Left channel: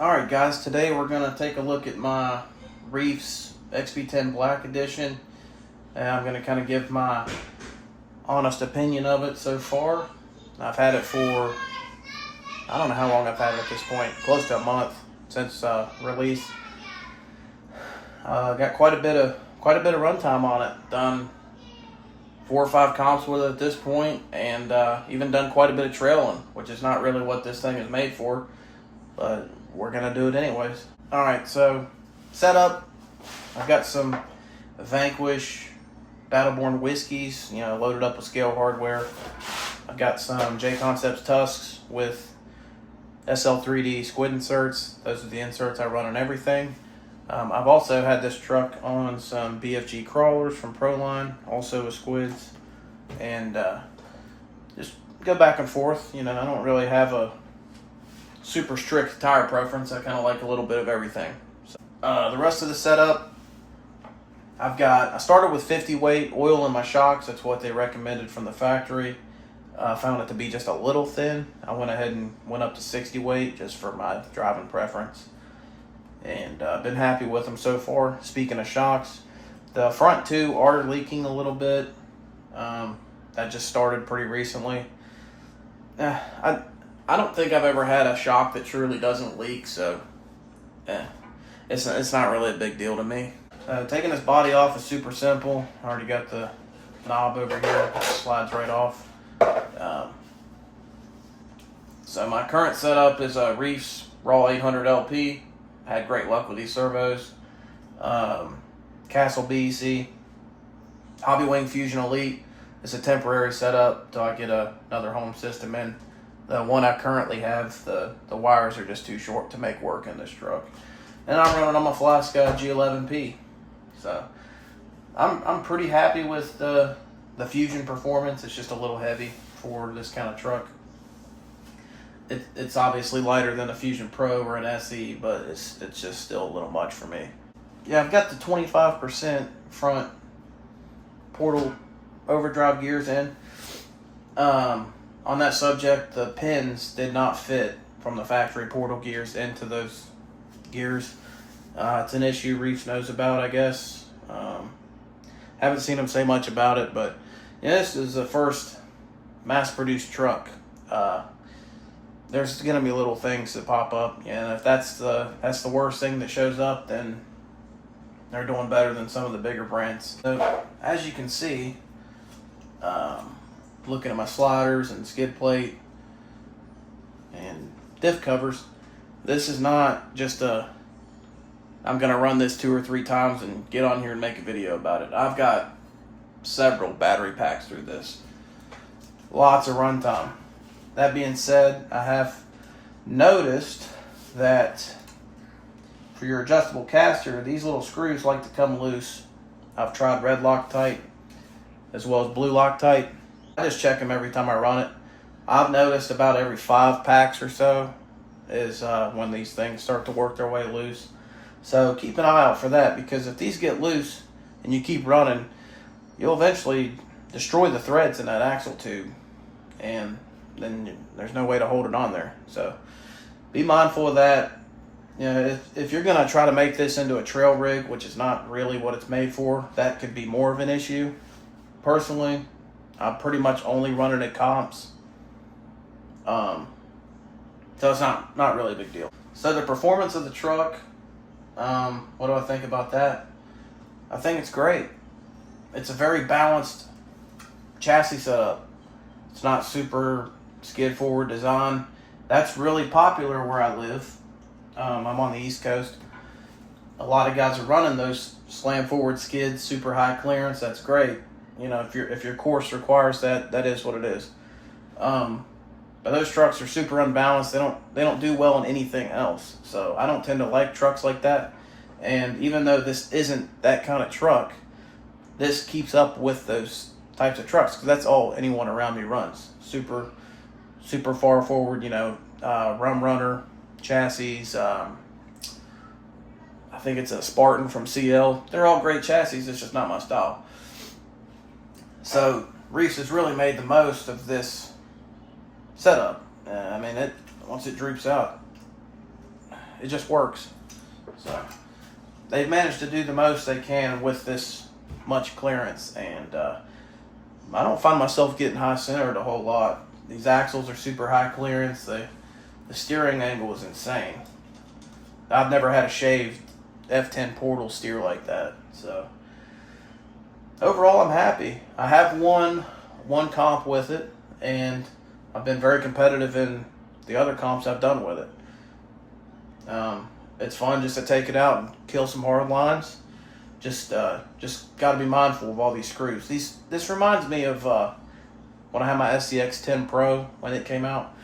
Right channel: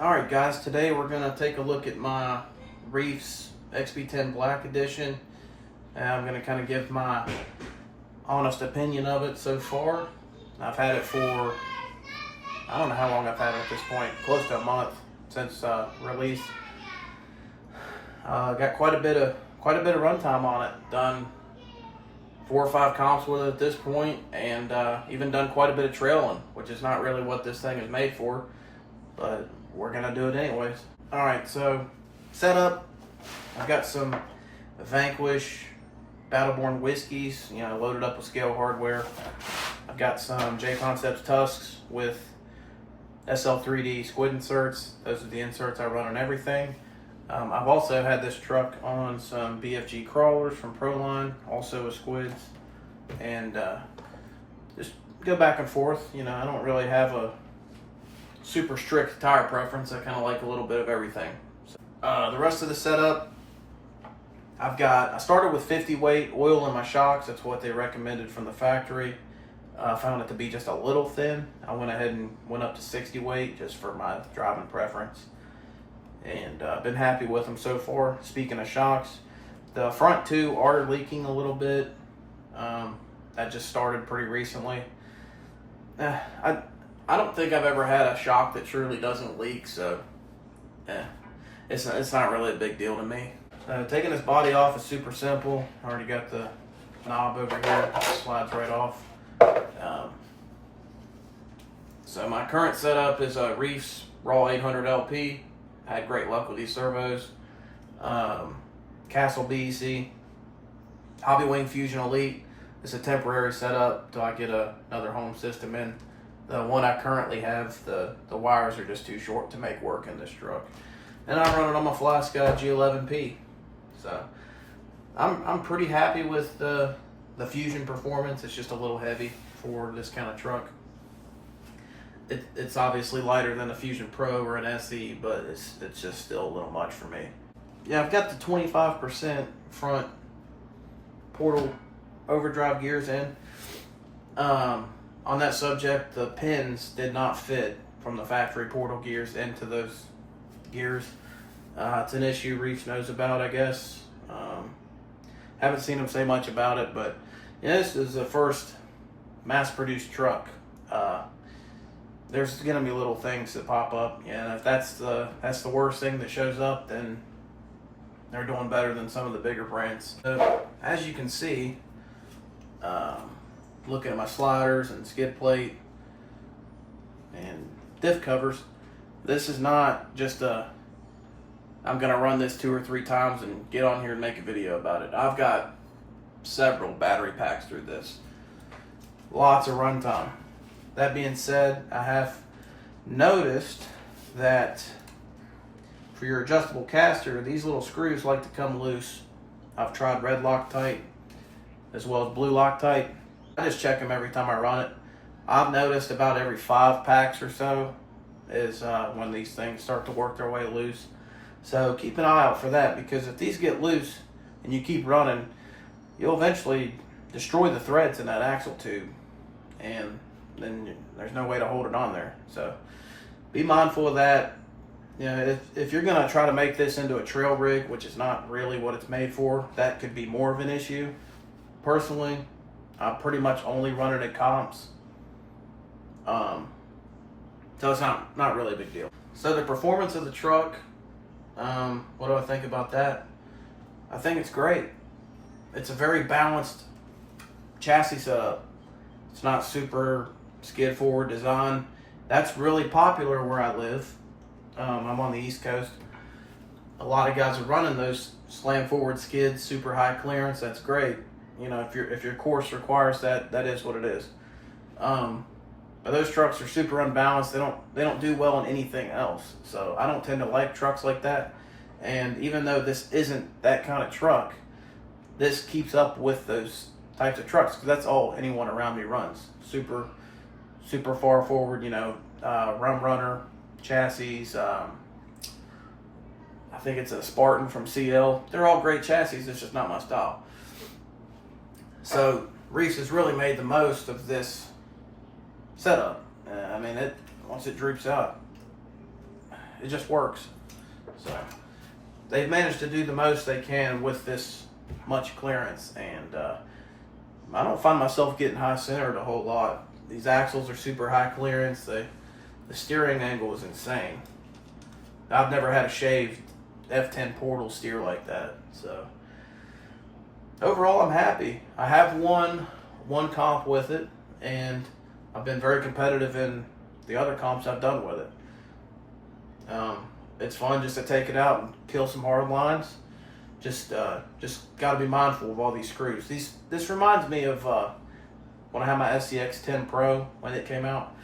Alright guys, today we're going to take a look at my Reefs XP10 Black Edition. And I'm going to kind of give my honest opinion of it so far. I've had it for, I don't know how long I've had it at this point, close to a month since release. Got quite a bit of runtime on it. Done 4 or 5 comps with it at this point, and even done quite a bit of trailing, which is not really what this thing is made for, but we're gonna do it anyways. All right, so setup. I've got some Vanquish Battleborn whiskeys, loaded up with scale hardware. I've got some J Concepts tusks with SL3D squid inserts. Those are the inserts I run on everything. I've also had this truck on some BFG crawlers from Proline, also with squids, and just go back and forth. I don't really have a super strict tire preference. I kind of like a little bit of everything. So, the rest of the setup, I started with 50 weight oil in my shocks. That's what they recommended from the factory. I found it to be just a little thin. I went ahead and went up to 60 weight just for my driving preference. And I've been happy with them so far. Speaking of shocks, the front two are leaking a little bit. That just started pretty recently. I don't think I've ever had a shock that truly doesn't leak, so it's not really a big deal to me. Taking this body off is super simple. I already got the knob over here. It slides right off. So my current setup is a Reefs Raw 800 LP. I had great luck with these servos. Castle BEC. Hobbywing Fusion Elite. It's a temporary setup till I get another home system in. The one I currently have, the wires are just too short to make work in this truck. And I'm running on my FlySky G11P. So I'm pretty happy with the Fusion performance. It's just a little heavy for this kind of truck. It's obviously lighter than a Fusion Pro or an SE, but it's just still a little much for me. Yeah, I've got the 25% front portal overdrive gears in. On that subject, the pins did not fit from the factory portal gears into those gears. It's an issue Reefs knows about, I guess. Haven't seen them say much about it, but yeah, this is the first mass-produced truck. There's gonna be little things that pop up. Yeah, if that's the worst thing that shows up, then they're doing better than some of the bigger brands. So, as you can see, looking at my sliders and skid plate and diff covers, this is not just a I'm going to run this 2 or 3 times and get on here and make a video about it. I've got several battery packs through this. Lots of runtime. That being said, I have noticed that for your adjustable caster, these little screws like to come loose. I've tried red Loctite as well as blue Loctite. I just check them every time I run it. I've noticed about every 5 packs or so is when these things start to work their way loose. So keep an eye out for that, because if these get loose and you keep running, you'll eventually destroy the threads in that axle tube, and then there's no way to hold it on there. So be mindful of that. You know, if you're going to try to make this into a trail rig, which is not really what it's made for, that could be more of an issue. Personally, I pretty much only run it at comps. So it's not really a big deal. So the performance of the truck, what do I think about that? I think it's great. It's a very balanced chassis setup. It's not super skid forward design. That's really popular where I live. I'm on the East Coast. A lot of guys are running those slam forward skids, super high clearance. That's great. You know, if your course requires that, that is what it is. But those trucks are super unbalanced. They don't do well on anything else. So I don't tend to like trucks like that. And even though this isn't that kind of truck, this keeps up with those types of trucks, because that's all anyone around me runs. Super far forward, you know, Rum Runner chassis. I think it's a Spartan from CL. They're all great chassis. It's just not my style. So Reefs has really made the most of this setup. I mean, once it droops out, it just works. So they've managed to do the most they can with this much clearance, and I don't find myself getting high centered a whole lot. These axles are super high clearance. The steering angle is insane. I've never had a shaved F10 Portal steer like that. So overall, I'm happy. I have won one comp with it, and I've been very competitive in the other comps I've done with it. It's fun just to take it out and kill some hard lines. Just got to be mindful of all these screws. This reminds me of when I had my XP10 Pro when it came out.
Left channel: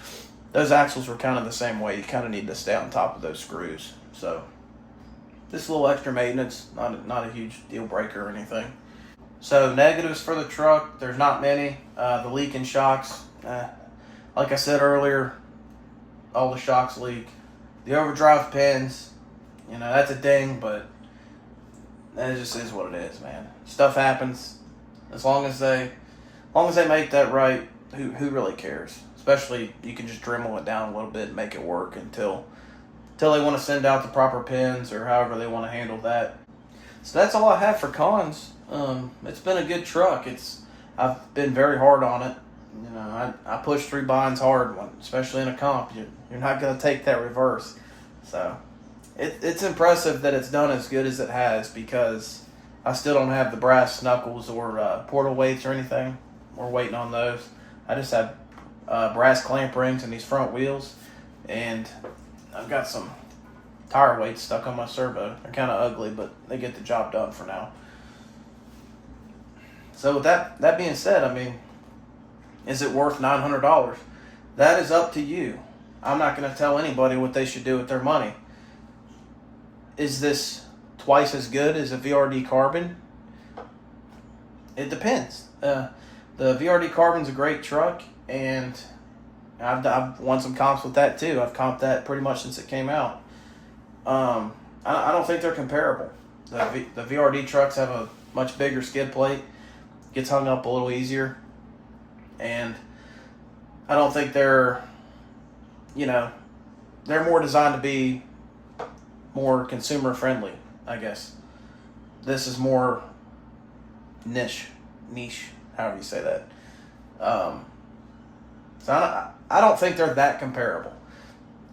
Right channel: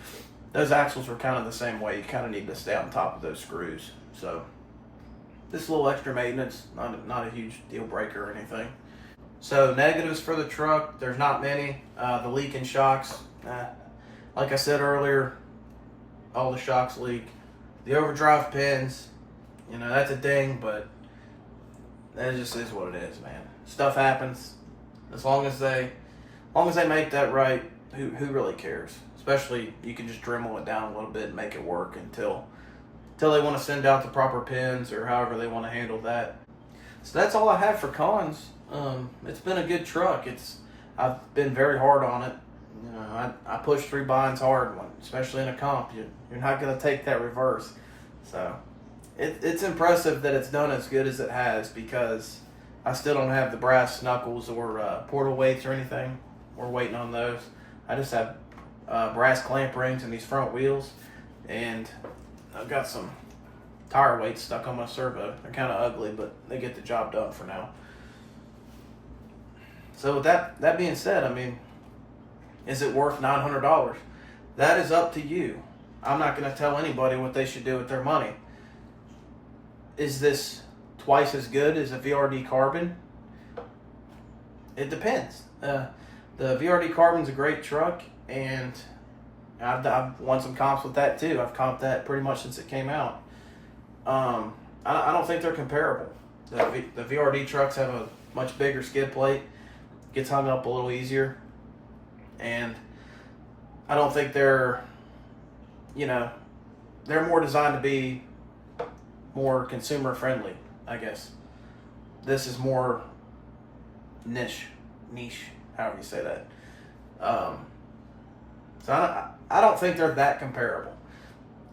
Those axles were kind of the same way. You kind of need to stay on top of those screws. So just a little extra maintenance, not a huge deal breaker or anything. So negatives for the truck, there's not many. The leaking shocks, like I said earlier, all the shocks leak. The overdrive pins, you know, that's a ding, but that just is what it is, man. Stuff happens. As long as they make that right, who really cares? Especially, you can just Dremel it down a little bit and make it work until they want to send out the proper pins or however they want to handle that. So that's all I have for cons. It's been a good truck. I've been very hard on it. You know, I push 3 binds hard, especially in a comp. You're not going to take that reverse. So it's impressive that it's done as good as it has, because I still don't have the brass knuckles or portal weights or anything. We're waiting on those. I just have brass clamp rings in these front wheels, and I've got some tire weights stuck on my servo. They're kind of ugly, but they get the job done for now. So with that being said, I mean, is it worth $900? That is up to you. I'm not going to tell anybody what they should do with their money. Is this twice as good as a VRD Carbon? It depends. The VRD Carbon's a great truck, and I've won some comps with that too. I've comped that pretty much since it came out. I don't think they're comparable. The VRD trucks have a much bigger skid plate, gets hung up a little easier, and I don't think they're more designed to be more consumer friendly, I guess. This is more niche, however you say that. So I don't think they're that comparable.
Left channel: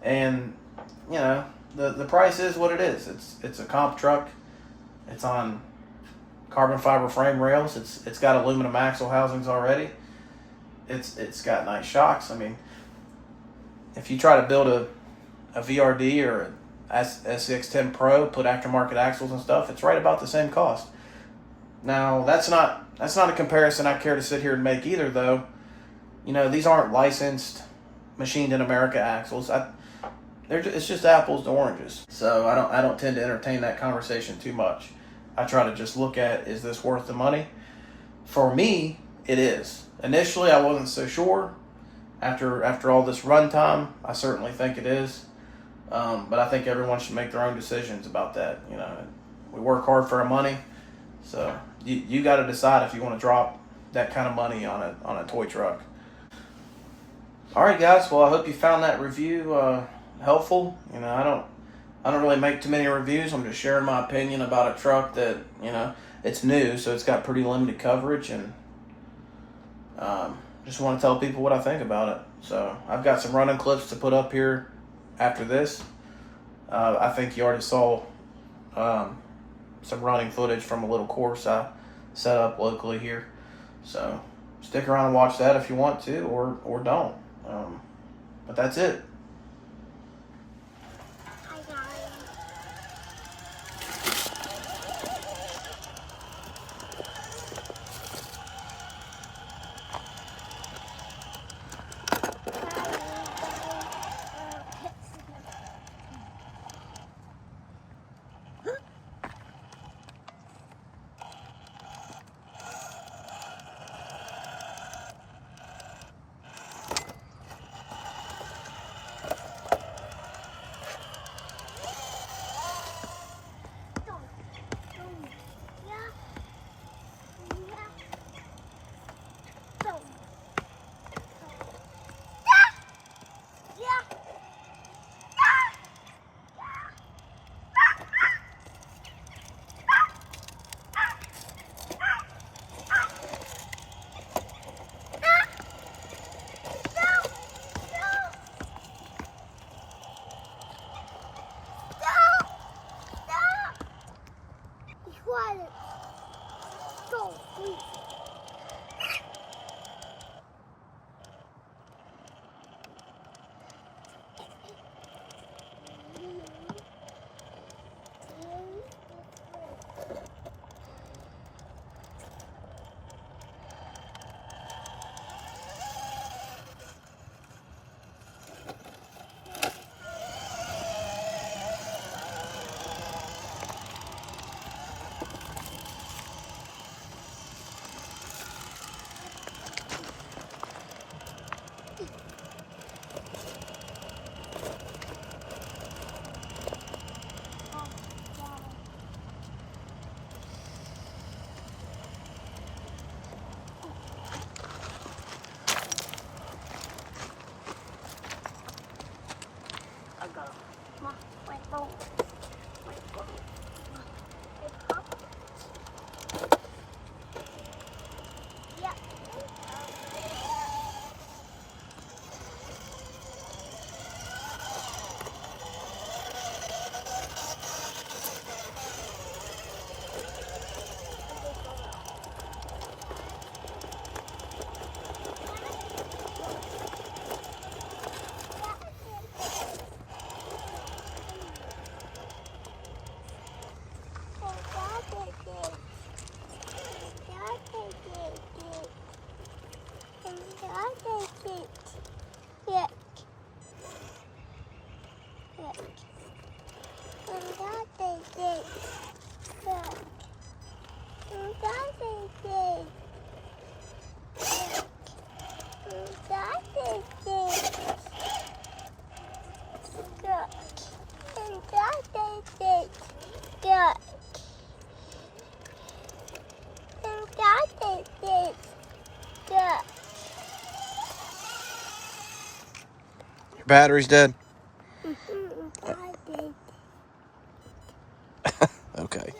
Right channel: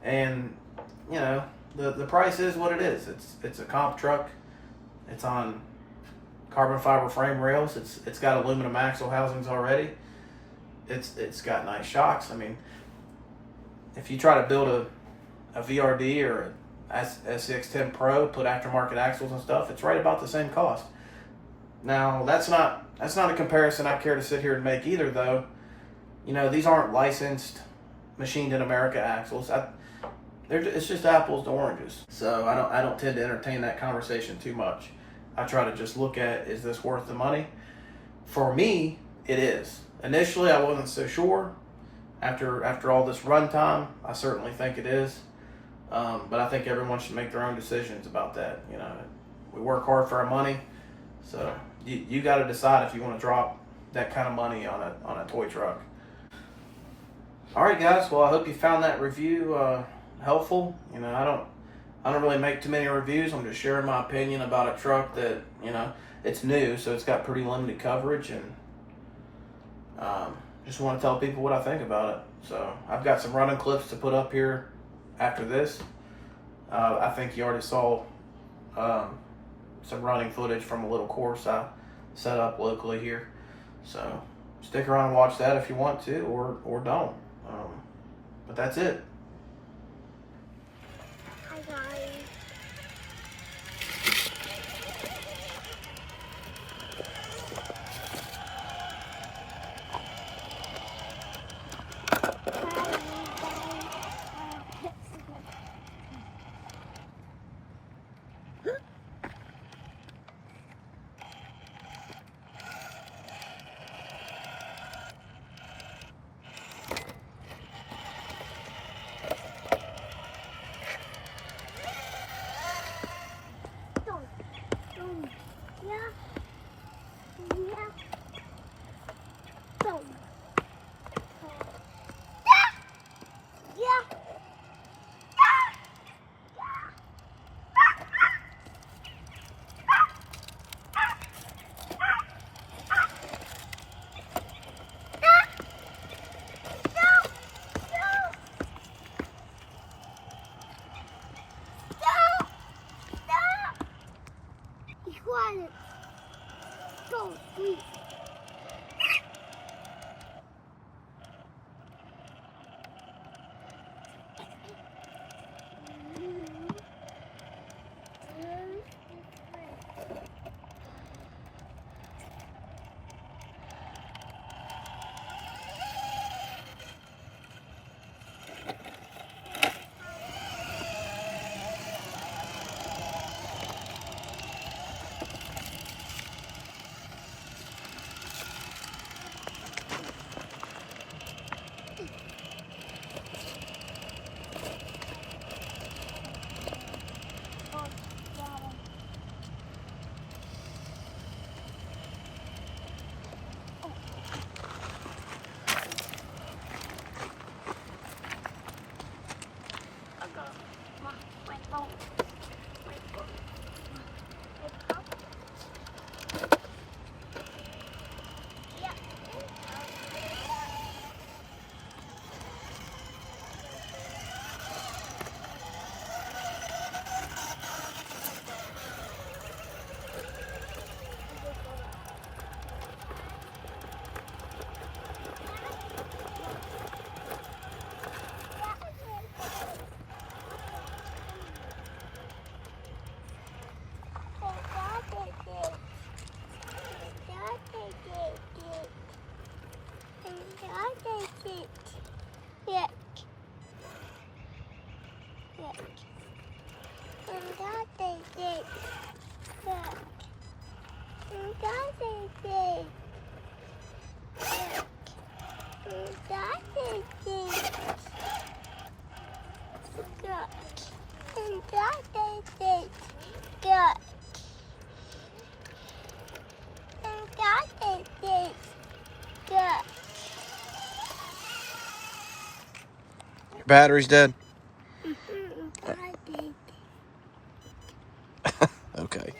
And, you know, the price is what it is. It's a comp truck. It's on carbon fiber frame rails. It's got aluminum axle housings already. It's got nice shocks. I mean, if you try to build a VRD or SCX10 Pro, put aftermarket axles and stuff, it's right about the same cost. Now that's not a comparison I care to sit here and make either, though. You know, these aren't licensed, machined in America axles. It's just apples to oranges. So I don't tend to entertain that conversation too much. I try to just look at, is this worth the money? For me, it is. Initially, I wasn't so sure. After all this runtime, I certainly think it is. But I think everyone should make their own decisions about that. You know, we work hard for our money, so you got to decide if you want to drop that kind of money on a toy truck. All right, guys. Well, I hope you found that review helpful. You know, I don't really make too many reviews. I'm just sharing my opinion about a truck that, you know, it's new, so it's got pretty limited coverage, and just want to tell people what I think about it. So I've got some running clips to put up here after this. I think you already saw some running footage from a little course I set up locally here. So stick around and watch that if you want to, or don't. But that's it. Go, please. Your battery's dead? Okay.